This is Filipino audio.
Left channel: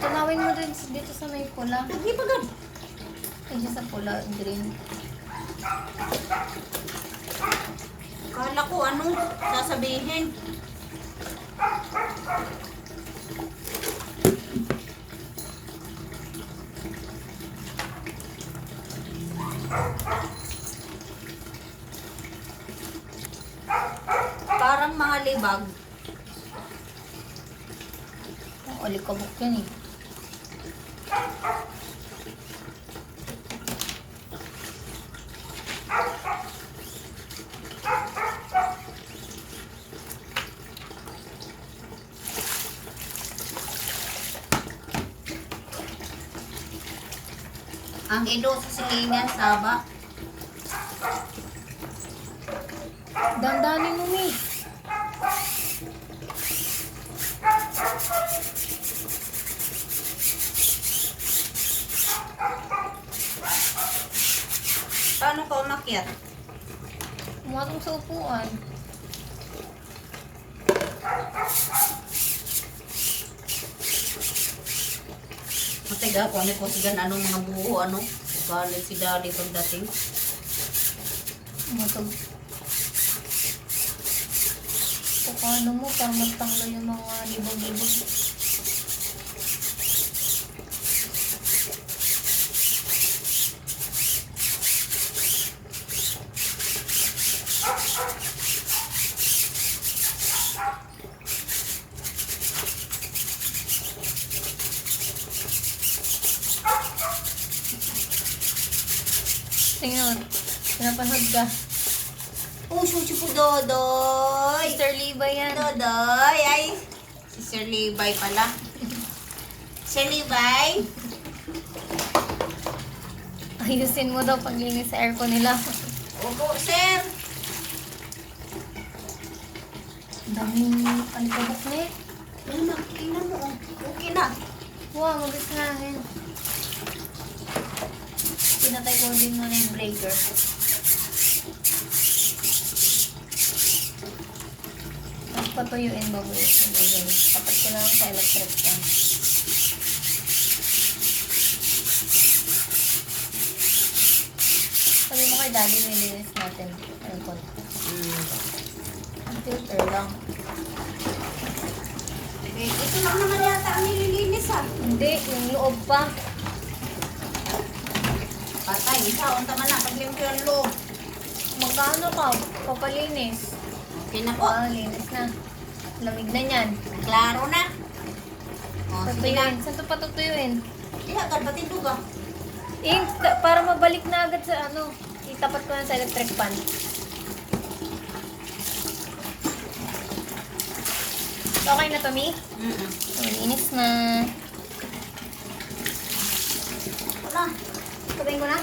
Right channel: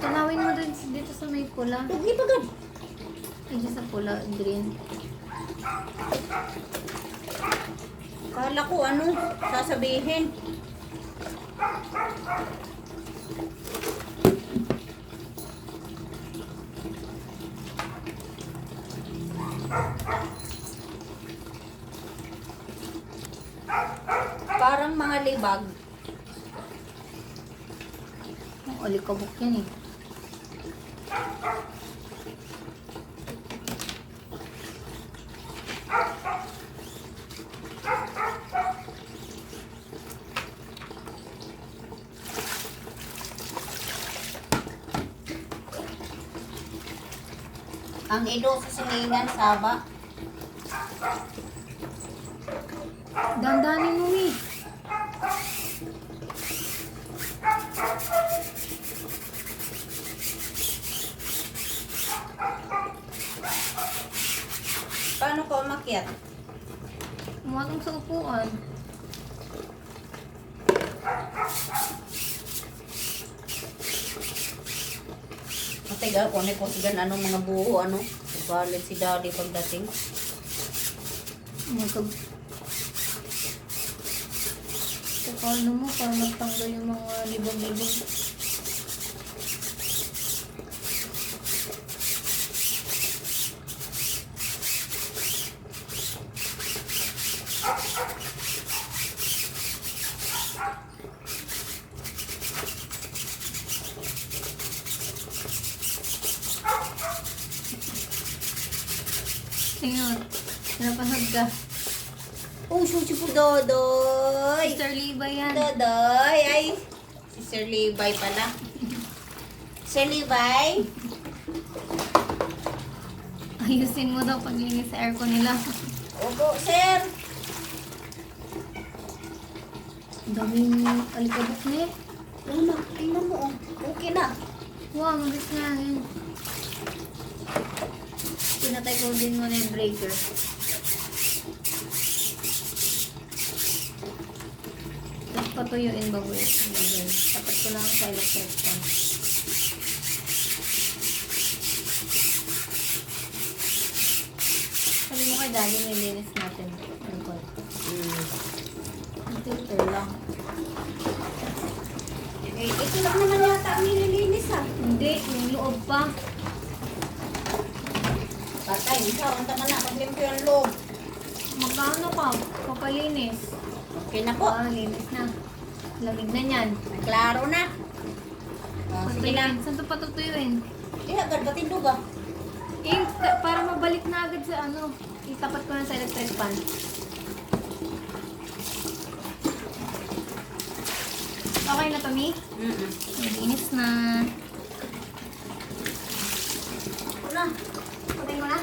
Tanawin mo din dito sa may pula. Lagi pa gan. Ay, sa pula, green. Kala ko ano, sasabihin. Parang mga libag. Oh, alikabok yan eh. Ang ido sa silingan, saba. Dandanin mo eh. Paano ka umakyat? Umatong sa upuan. Matiga ko, may kusigan anong mga buo, ano? Galit si daddy pagdating. Paano mo para matanggal yung mga libang-libang. Tingnan mo, pinapanood ka. Oh, susi po, Dodoy! Mr. Levi yan. Dodoy! Ay, si Sir Levi pala. Sir Levi? Ayusin mo daw paglinis sa aircon nila. Opo, sir! Ang daming alikabok na eh. Ay, tingnan mo, oh. Okay na. Wow, magasnahin. Pinatay mo din mo na yung breaker. Tapos patuyuin bago yung tapos ko lang sa electric fan. Sabi mo ka dali, nilinis natin. Ano ko? Filter lang. Eh, ito lang naman yata ang nililinis, ha? Hindi, yung loob pa. Patay, ikaw, ang tama na, taglimpyo yung loob. Magkano ka? Papalinis. Okay na po. Linis na. Lamig na yan. Klaro na. Oh, sige na. Saan ito patutuyuin? Agad pati duga. Eh, para mabalik na agad sa ano, itapat ko na sa electric fan. Okay na to, Mi? Linis na. Ano? Sabihin mo na?